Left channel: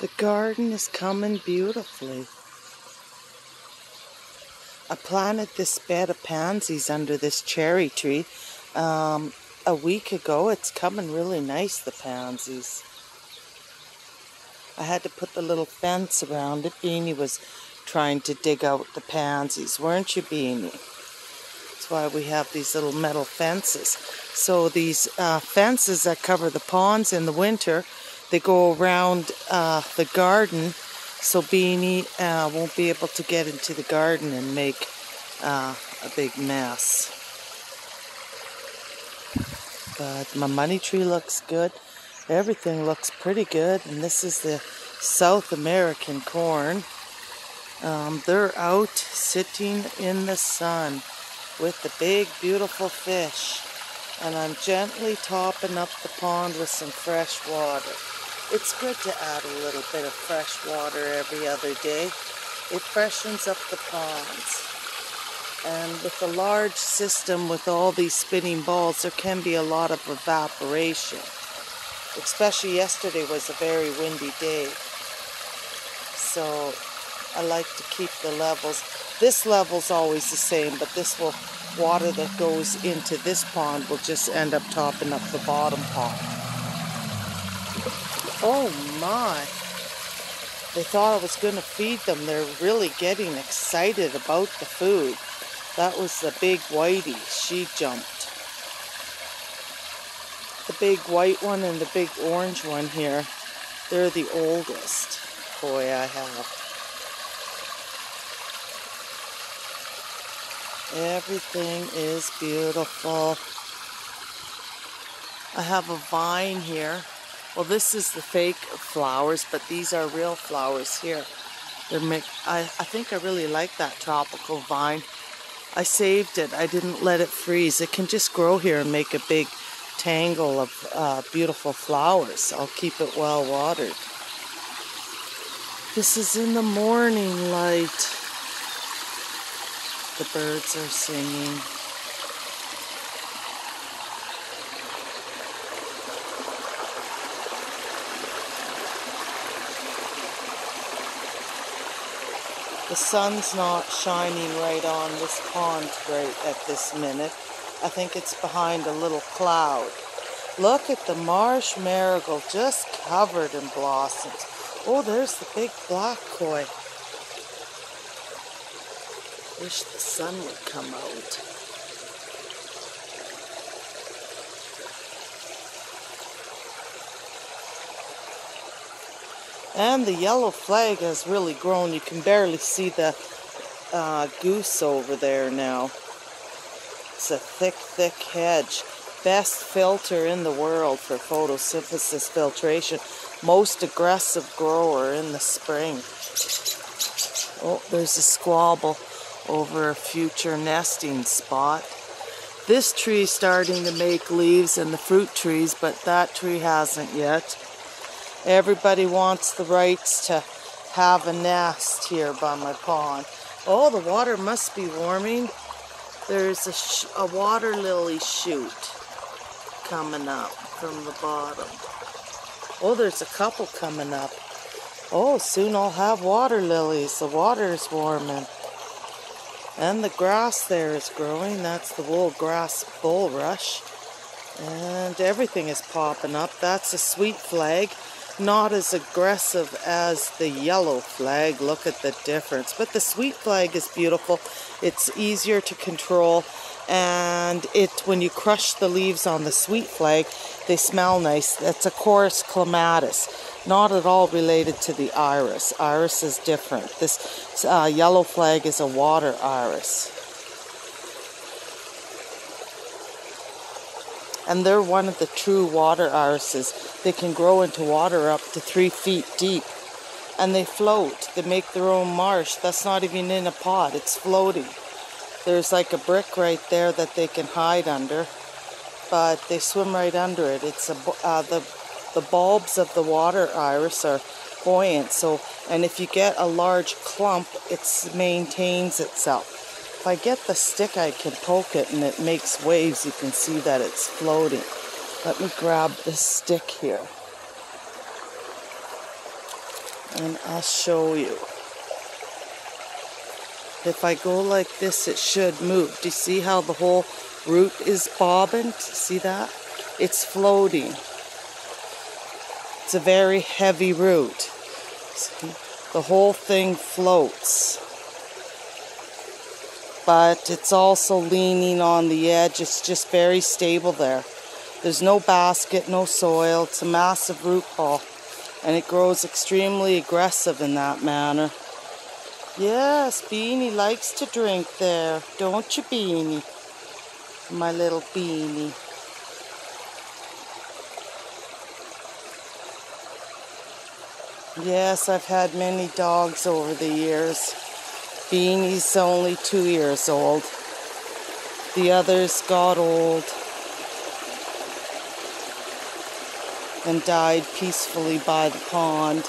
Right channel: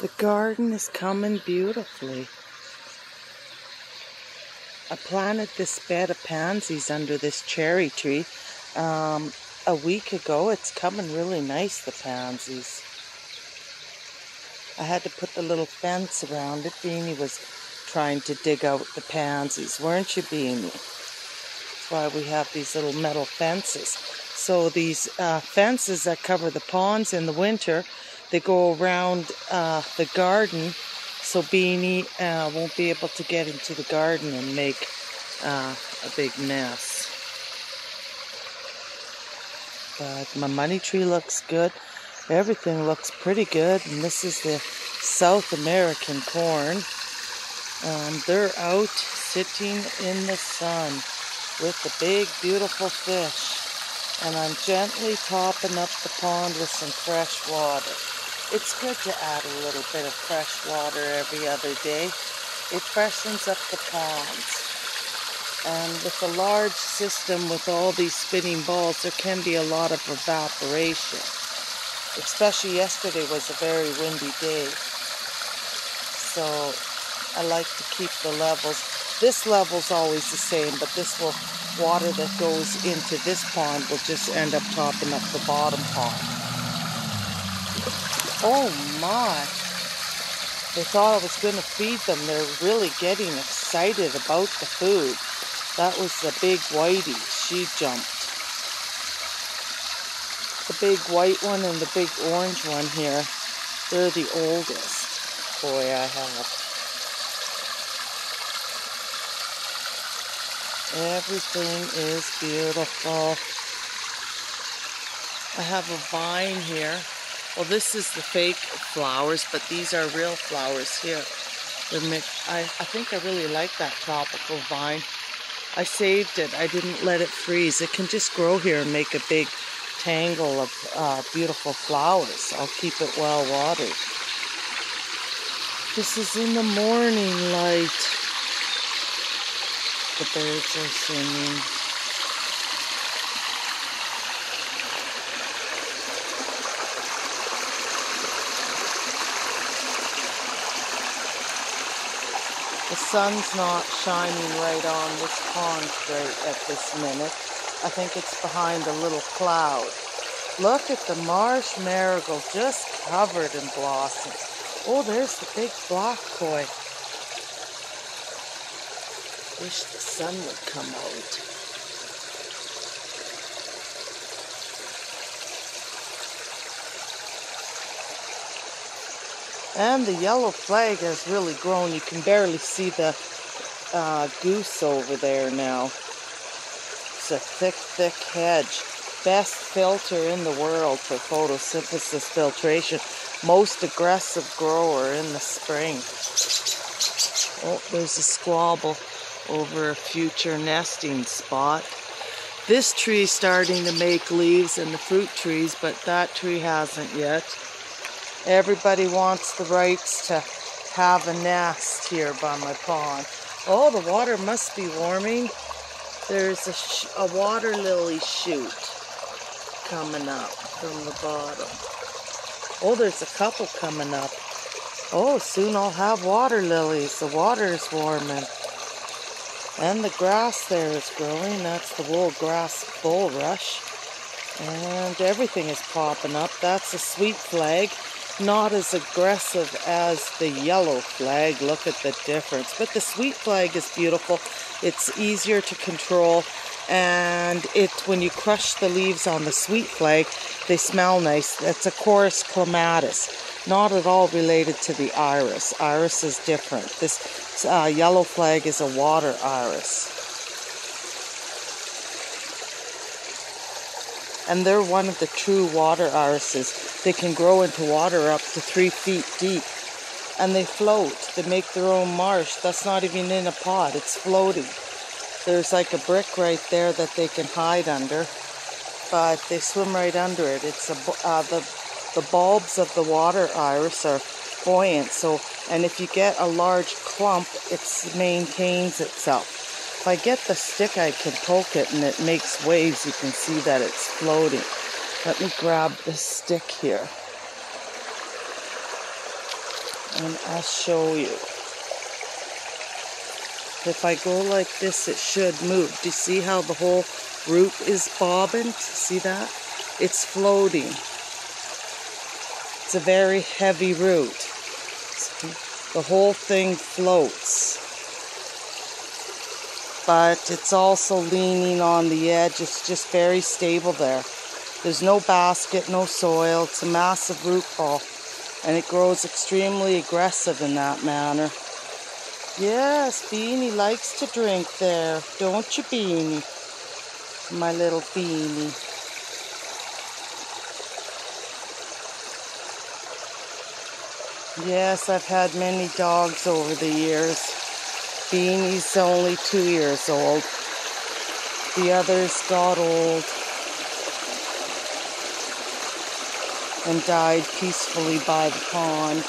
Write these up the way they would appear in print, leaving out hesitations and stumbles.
The garden is coming beautifully. I planted this bed of pansies under this cherry tree a week ago. It's coming really nice, the pansies. I had to put the little fence around it. Beanie was trying to dig out the pansies, weren't you, Beanie? That's why we have these little metal fences. So these fences that cover the ponds in the winter, they go around the garden, so Beanie won't be able to get into the garden and make a big mess. But my money tree looks good. Everything looks pretty good. And this is the South American corn. They're out sitting in the sun with the big, beautiful fish. And I'm gently topping up the pond with some fresh water. It's good to add a little bit of fresh water every other day. It freshens up the ponds. And with a large system with all these spinning balls, there can be a lot of evaporation. Especially yesterday was a very windy day. So I like to keep the levels. This level's always the same, but this water that goes into this pond will just end up topping up the bottom pond. Oh my! They thought I was going to feed them. They're really getting excited about the food. That was the big whitey. She jumped. The big white one and the big orange one here, they're the oldest koi I have. Everything is beautiful. I have a vine here. Well, this is the fake flowers, but these are real flowers here. I think I really like that tropical vine. I saved it. I didn't let it freeze. It can just grow here and make a big tangle of beautiful flowers. I'll keep it well watered. This is in the morning light. The birds are singing. The sun's not shining right on this pond right at this minute. I think it's behind a little cloud. Look at the marsh marigold just covered in blossoms. Oh, there's the big black koi. Wish the sun would come out. And the yellow flag has really grown. You can barely see the goose over there now. It's a thick, thick hedge. Best filter in the world for photosynthesis filtration. Most aggressive grower in the spring. Oh, there's a squabble over a future nesting spot. This tree's starting to make leaves in the fruit trees, but that tree hasn't yet. Everybody wants the rights to have a nest here by my pond. Oh, the water must be warming. There's a water lily shoot coming up from the bottom. Oh, there's a couple coming up. Oh, soon I'll have water lilies. The water is warming. And the grass there is growing. That's the wool grass bulrush. And everything is popping up. That's a sweet flag. Not as aggressive as the yellow flag. Look at the difference. But the sweet flag is beautiful. It's easier to control. And when you crush the leaves on the sweet flag, they smell nice. That's a chorus clematis. Not at all related to the iris. Iris is different. This yellow flag is a water iris. And they're one of the true water irises. They can grow into water up to 3 feet deep. And they float. They make their own marsh. That's not even in a pot. It's floating. There's like a brick right there that they can hide under. But they swim right under it. It's the bulbs of the water iris are buoyant. And if you get a large clump, it maintains itself. If I get the stick, I can poke it and it makes waves. You can see that it's floating. Let me grab this stick here. And I'll show you. If I go like this, it should move. Do you see how the whole root is bobbing? See that? It's floating. It's a very heavy root. See? The whole thing floats. But it's also leaning on the edge. It's just very stable there. There's no basket, no soil. It's a massive root ball. And it grows extremely aggressive in that manner. Yes, Beanie likes to drink there. Don't you, Beanie? My little Beanie. Yes, I've had many dogs over the years. Beanie's only 2 years old. The others got old and died peacefully by the pond.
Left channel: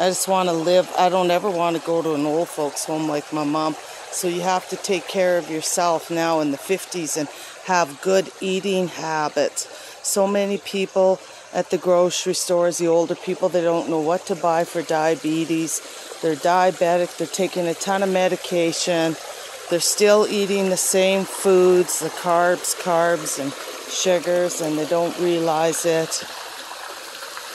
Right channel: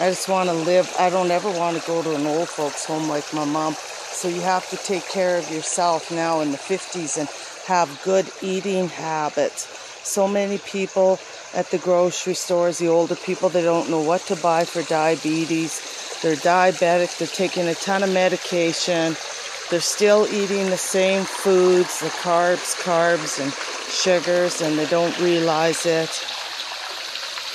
I just want to live. I don't ever want to go to an old folks home like my mom. So you have to take care of yourself now in the 50s and have good eating habits. So many people at the grocery stores, the older people, they don't know what to buy for diabetes. They're diabetic, they're taking a ton of medication. They're still eating the same foods, the carbs and sugars, and they don't realize it.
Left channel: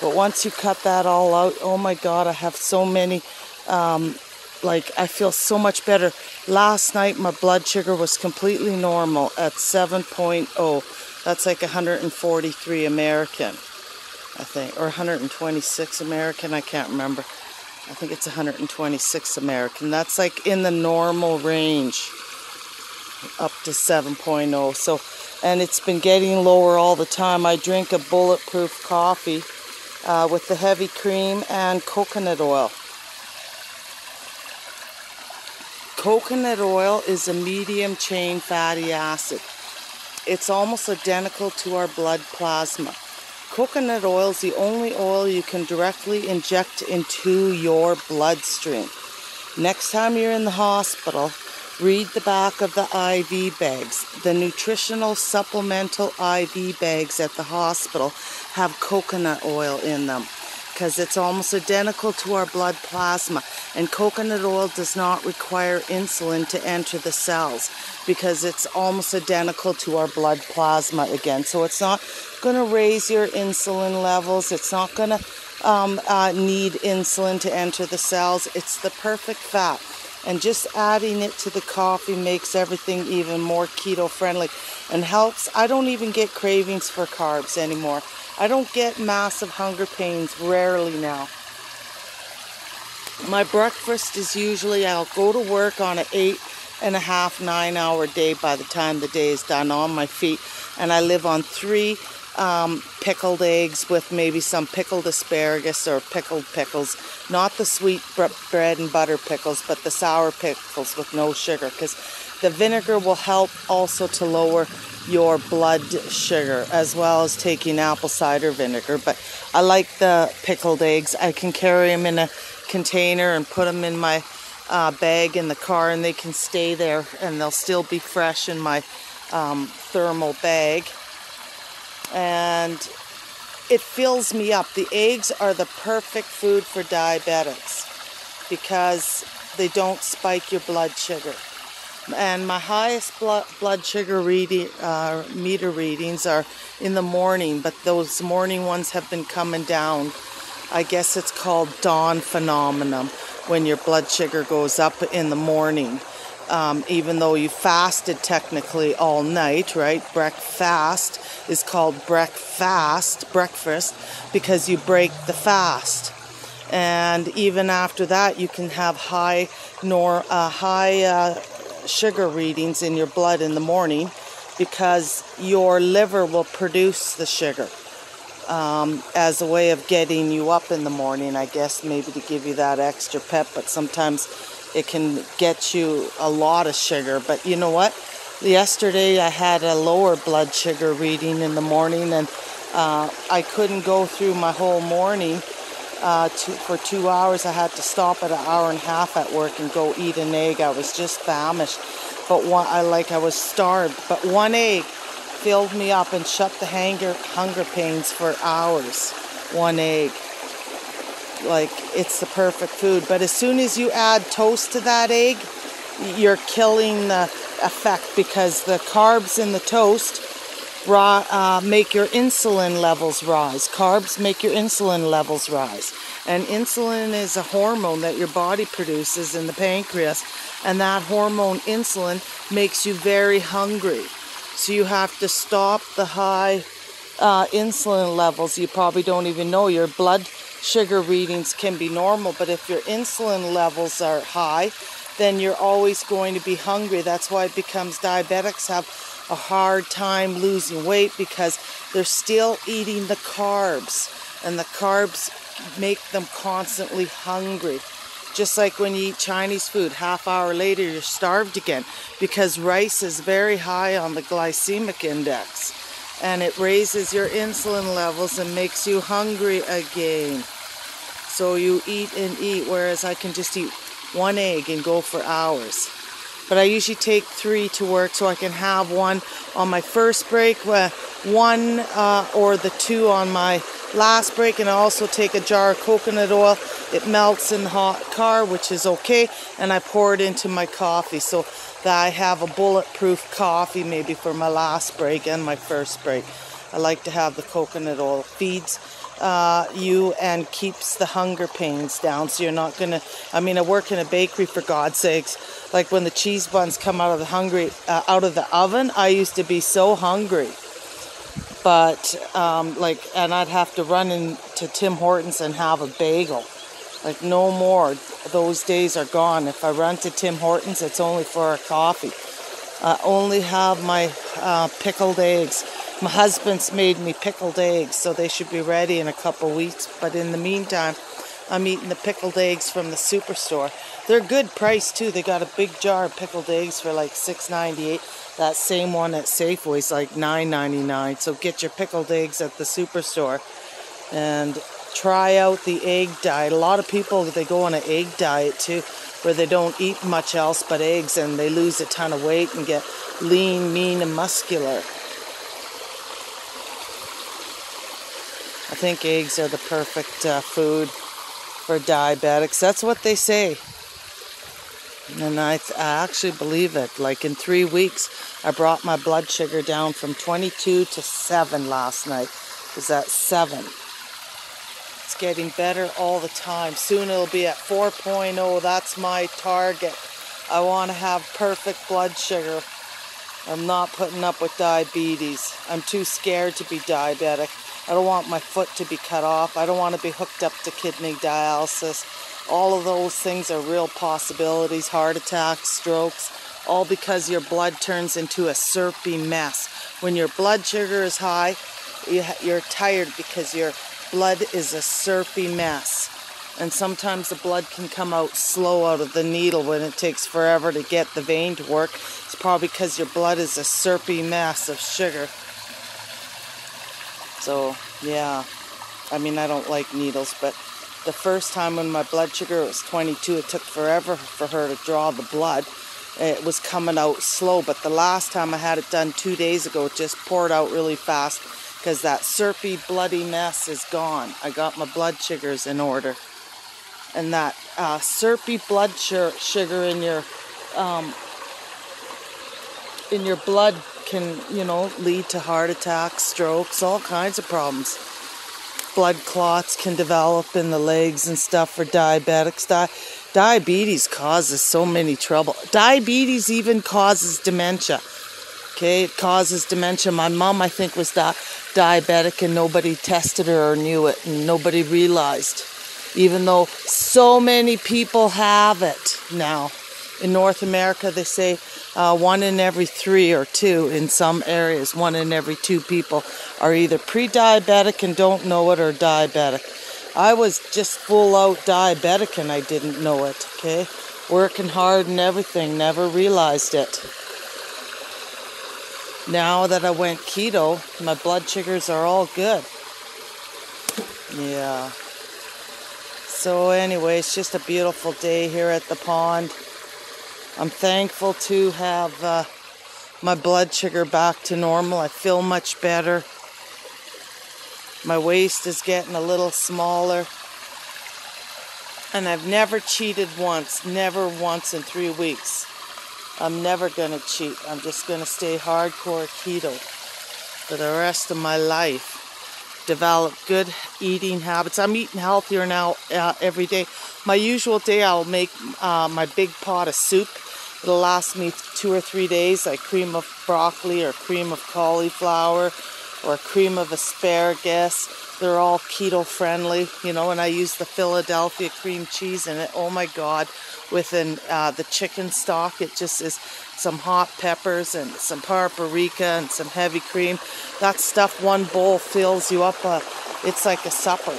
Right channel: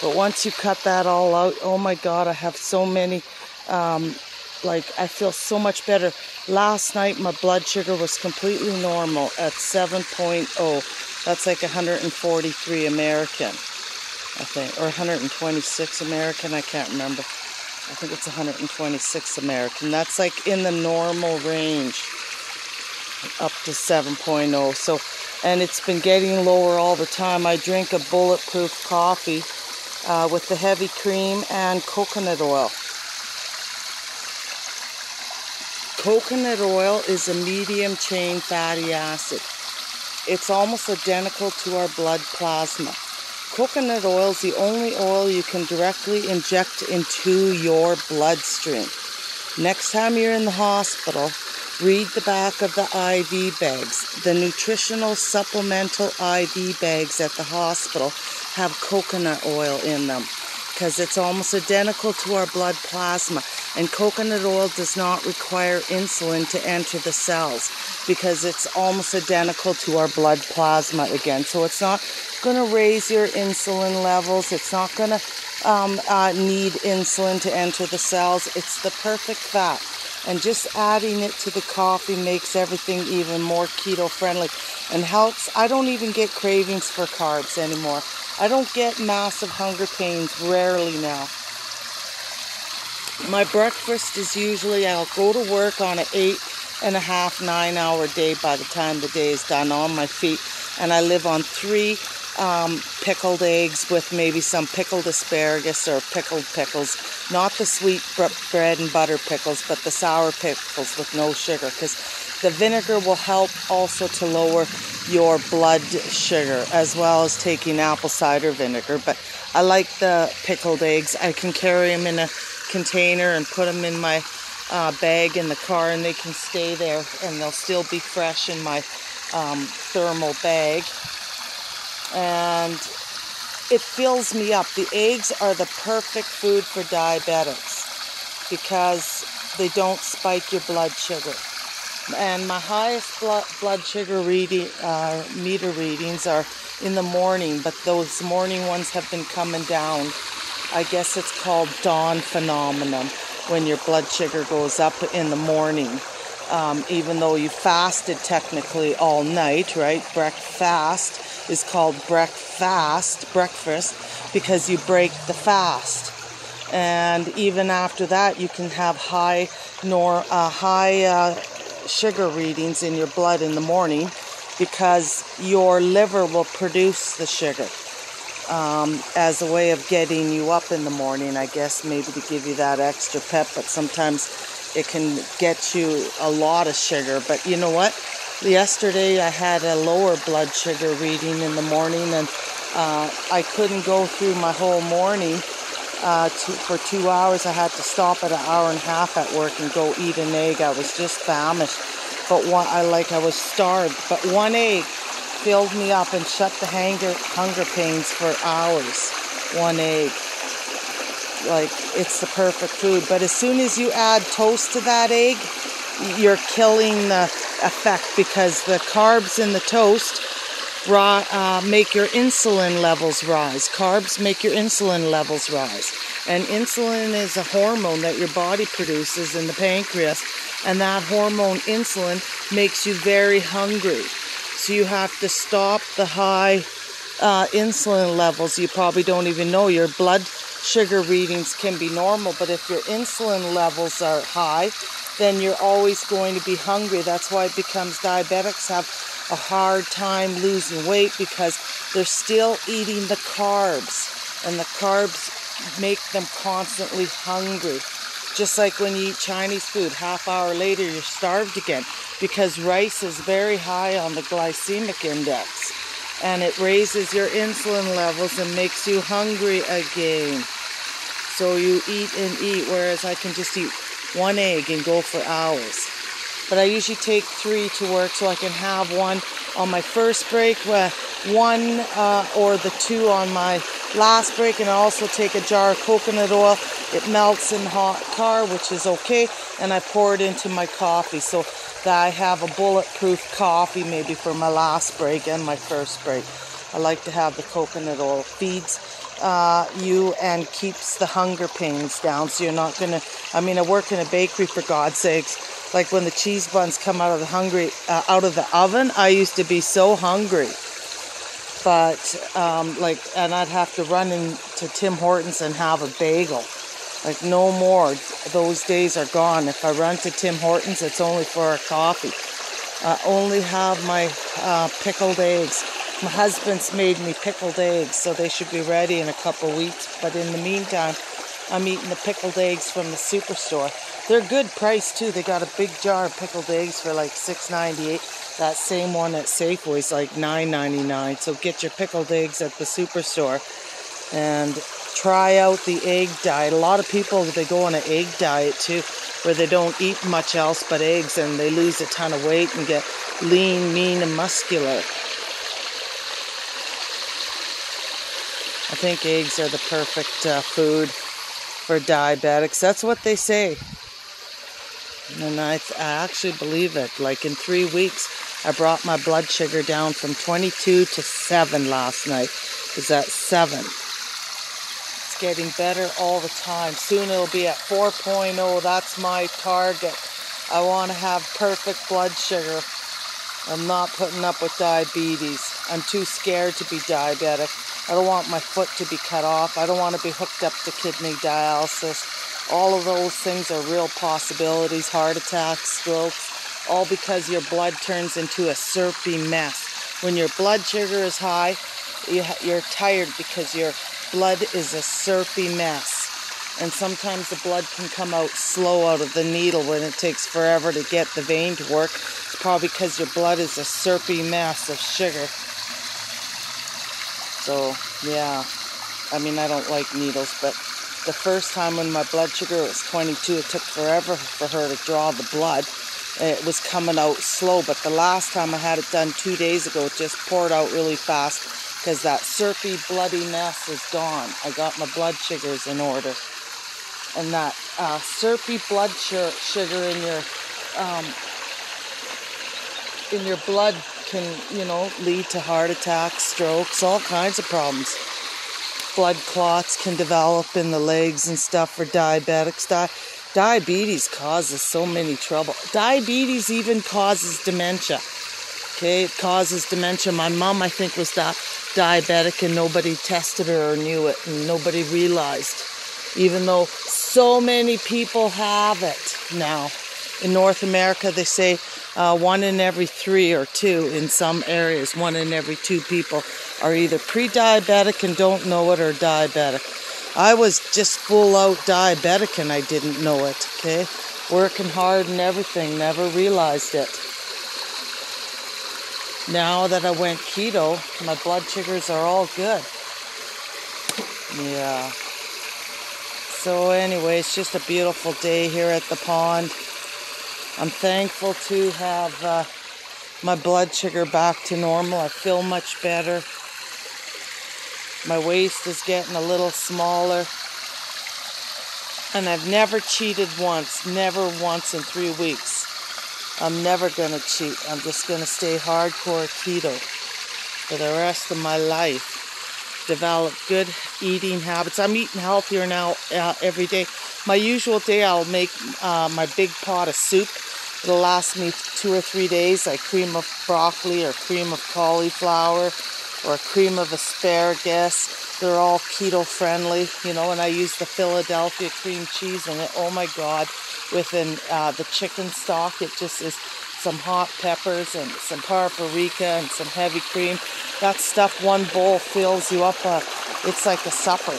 But once you cut that all out, oh my God, I have so many, I feel so much better. Last night, my blood sugar was completely normal at 7.0. That's like 143 American, I think, or 126 American, I can't remember. I think it's 126 American. That's like in the normal range, up to 7.0. So, and it's been getting lower all the time. I drink a bulletproof coffee with the heavy cream and coconut oil. Coconut oil is a medium chain fatty acid. It's almost identical to our blood plasma. Coconut oil is the only oil you can directly inject into your bloodstream. Next time you're in the hospital, read the back of the IV bags. The nutritional supplemental IV bags at the hospital have coconut oil in them because it's almost identical to our blood plasma. And coconut oil does not require insulin to enter the cells because it's almost identical to our blood plasma again. So it's not going to raise your insulin levels. It's not going to need insulin to enter the cells. It's the perfect fat. And just adding it to the coffee makes everything even more keto friendly and helps. I don't even get cravings for carbs anymore. I don't get massive hunger pains, rarely now. My breakfast is usually, I'll go to work on an 8.5, 9 hour day by the time the day is done on my feet. And I live on 3 pickled eggs with maybe some pickled asparagus or pickled pickles. Not the sweet bread and butter pickles, but the sour pickles with no sugar. Because the vinegar will help also to lower your blood sugar, as well as taking apple cider vinegar. But I like the pickled eggs. I can carry them in a container and put them in my bag in the car, and they can stay there and they'll still be fresh in my thermal bag. And it fills me up. The eggs are the perfect food for diabetics because they don't spike your blood sugar. And my highest blood sugar meter readings are in the morning, but those morning ones have been coming down. I guess it's called dawn phenomenon, when your blood sugar goes up in the morning. Even though you fasted technically all night, right? Breakfast is called breakfast, because you break the fast. And even after that, you can have high sugar readings in your blood in the morning because your liver will produce the sugar as a way of getting you up in the morning, I guess, maybe to give you that extra pep. But sometimes it can get you a lot of sugar. But you know what? Yesterday I had a lower blood sugar reading in the morning, and I couldn't go through my whole morning for 2 hours. I had to stop at 1.5 hours at work and go eat an egg. I was just famished, but I was starved. But one egg filled me up and shut the hunger pains for hours. 1 egg. Like, it's the perfect food. But as soon as you add toast to that egg, you're killing the effect, because the carbs in the toast make your insulin levels rise. Carbs make your insulin levels rise. And insulin is a hormone that your body produces in the pancreas. And that hormone, insulin, makes you very hungry. So you have to stop the high insulin levels. You probably don't even know. Your blood sugar readings can be normal, but if your insulin levels are high, then you're always going to be hungry. That's why it becomes diabetics have a hard time losing weight, because they're still eating the carbs, and the carbs make them constantly hungry. Just like when you eat Chinese food, half hour later you're starved again, because rice is very high on the glycemic index, and it raises your insulin levels and makes you hungry again. So you eat and eat, whereas I can just eat 1 egg and go for hours. But I usually take 3 to work, so I can have 1 on my first break, 1 or the 2 on my last break, and I also take a jar of coconut oil. It melts in the hot car, which is okay, and I pour it into my coffee, so that I have a bulletproof coffee maybe for my last break and my first break. I like to have the coconut oil. Feeds you and keeps the hunger pains down, so you're not gonna, I mean, I work in a bakery, for God's sakes. Like when the cheese buns come out of the oven, I used to be so hungry. But and I'd have to run into Tim Hortons and have a bagel. Like, no more. Those days are gone. If I run to Tim Hortons, it's only for a coffee. I only have my pickled eggs. My husband's made me pickled eggs, so they should be ready in a couple weeks. But in the meantime, I'm eating the pickled eggs from the superstore. They're good price too. They got a big jar of pickled eggs for like $6.98. That same one at Safeway's like $9.99. So get your pickled eggs at the superstore and try out the egg diet. A lot of people, they go on an egg diet too, where they don't eat much else but eggs, and they lose a ton of weight and get lean, mean, and muscular. I think eggs are the perfect food for diabetics. That's what they say. And I actually believe it. Like in 3 weeks, I brought my blood sugar down from 22 to 7 last night. It was at 7. It's getting better all the time. Soon it'll be at 4.0. That's my target. I want to have perfect blood sugar. I'm not putting up with diabetes. I'm too scared to be diabetic. I don't want my foot to be cut off. I don't want to be hooked up to kidney dialysis. All of those things are real possibilities. Heart attacks, strokes, all because your blood turns into a syrupy mess. When your blood sugar is high, you're tired because your blood is a syrupy mess. And sometimes the blood can come out slow out of the needle when it takes forever to get the vein to work. It's probably because your blood is a syrupy mess of sugar. So, yeah. I mean, I don't like needles, but the first time when my blood sugar was 22, it took forever for her to draw the blood. It was coming out slow, but the last time I had it done 2 days ago, it just poured out really fast because that syrupy, bloody mess is gone. I got my blood sugars in order. And that syrupy blood sugar in your blood can, you know, lead to heart attacks, strokes, all kinds of problems. Blood clots can develop in the legs and stuff for diabetics. Diabetes causes so many trouble. Diabetes even causes dementia. Okay, it causes dementia. My mom, I think, was diabetic and nobody tested her or knew it, and nobody realized. Even though so many people have it now. In North America, they say 1 in every 3 or 2 in some areas. 1 in every 2 people are either pre-diabetic and don't know it, or diabetic. I was just full out diabetic and I didn't know it, okay? Working hard and everything, never realized it. Now that I went keto, my blood sugars are all good. Yeah. So anyway, it's just a beautiful day here at the pond. I'm thankful to have my blood sugar back to normal. I feel much better. My waist is getting a little smaller. And I've never cheated once, never once in 3 weeks. I'm never gonna cheat. I'm just gonna stay hardcore keto for the rest of my life. Develop good eating habits. I'm eating healthier now every day. My usual day, I'll make my big pot of soup. It'll last me 2 or 3 days, like cream of broccoli or cream of cauliflower or cream of asparagus. They're all keto friendly, you know, and I use the Philadelphia cream cheese in it. Oh my God, within the chicken stock, it just is some hot peppers and some paprika and some heavy cream. That stuff, one bowl fills you up. It's like a supper.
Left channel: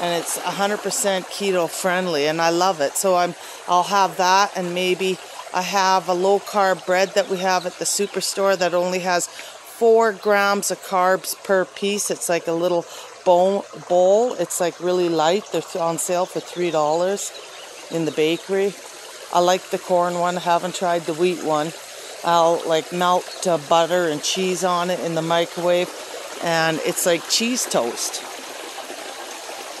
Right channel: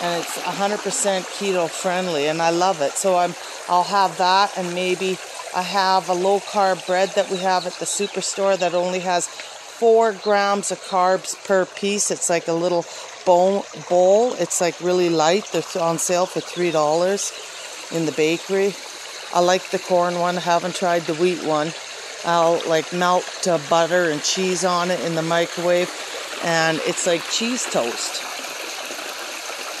And it's 100% keto friendly, and I love it. So I'll have that, and maybe I have a low carb bread that we have at the superstore that only has 4 grams of carbs per piece. It's like a little bowl. It's like really light. They're on sale for $3 in the bakery. I like the corn one. I haven't tried the wheat one. I'll like melt butter and cheese on it in the microwave, and it's like cheese toast.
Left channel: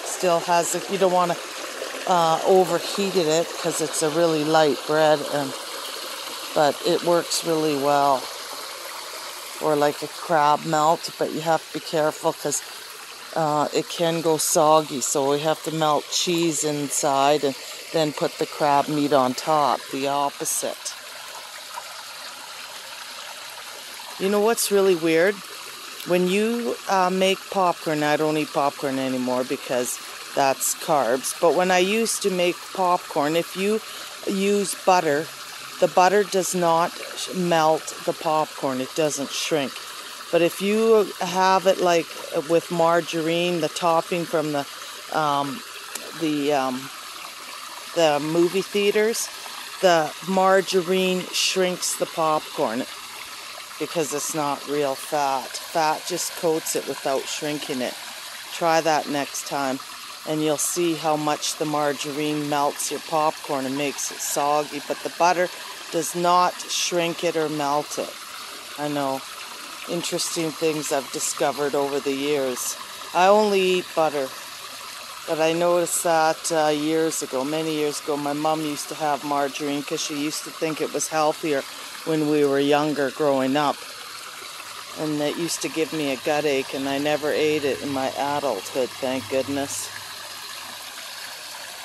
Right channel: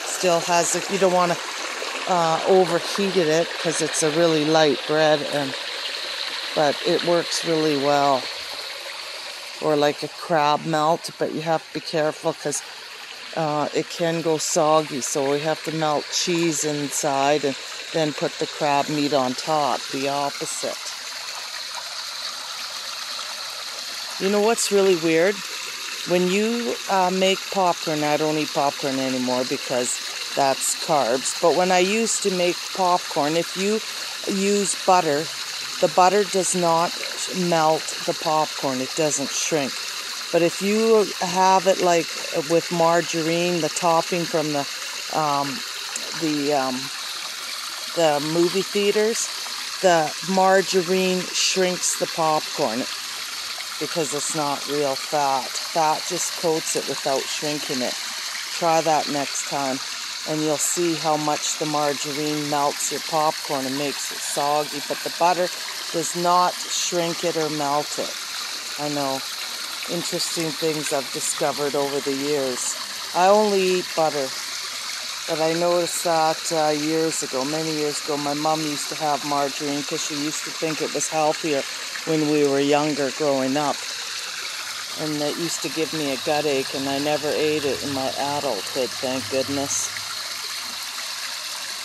Still has it. You don't want to overheat it because it's a really light bread, but it works really well. Or like a crab melt, but you have to be careful because it can go soggy, so we have to melt cheese inside and then put the crab meat on top, the opposite. You know what's really weird? When you make popcorn, I don't eat popcorn anymore because that's carbs, but when I used to make popcorn, if you use butter, the butter does not melt the popcorn, it doesn't shrink. But if you have it like with margarine, the topping from the movie theaters, the margarine shrinks the popcorn because it's not real fat. Fat just coats it without shrinking it. Try that next time, and you'll see how much the margarine melts your popcorn and makes it soggy, but the butter does not shrink it or melt it. I know. Interesting things I've discovered over the years. I only eat butter, but I noticed that years ago, many years ago, my mom used to have margarine because she used to think it was healthier when we were younger growing up. And it used to give me a gut ache, and I never ate it in my adulthood, thank goodness.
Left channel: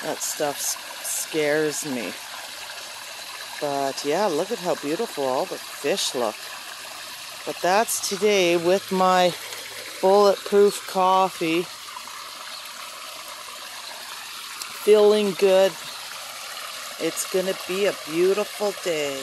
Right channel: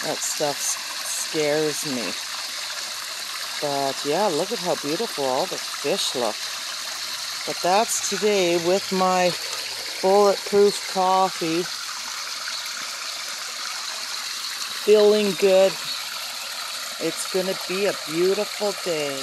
That stuff scares me. But yeah, look at how beautiful all the fish look. But that's today with my bulletproof coffee. Feeling good. It's going to be a beautiful day.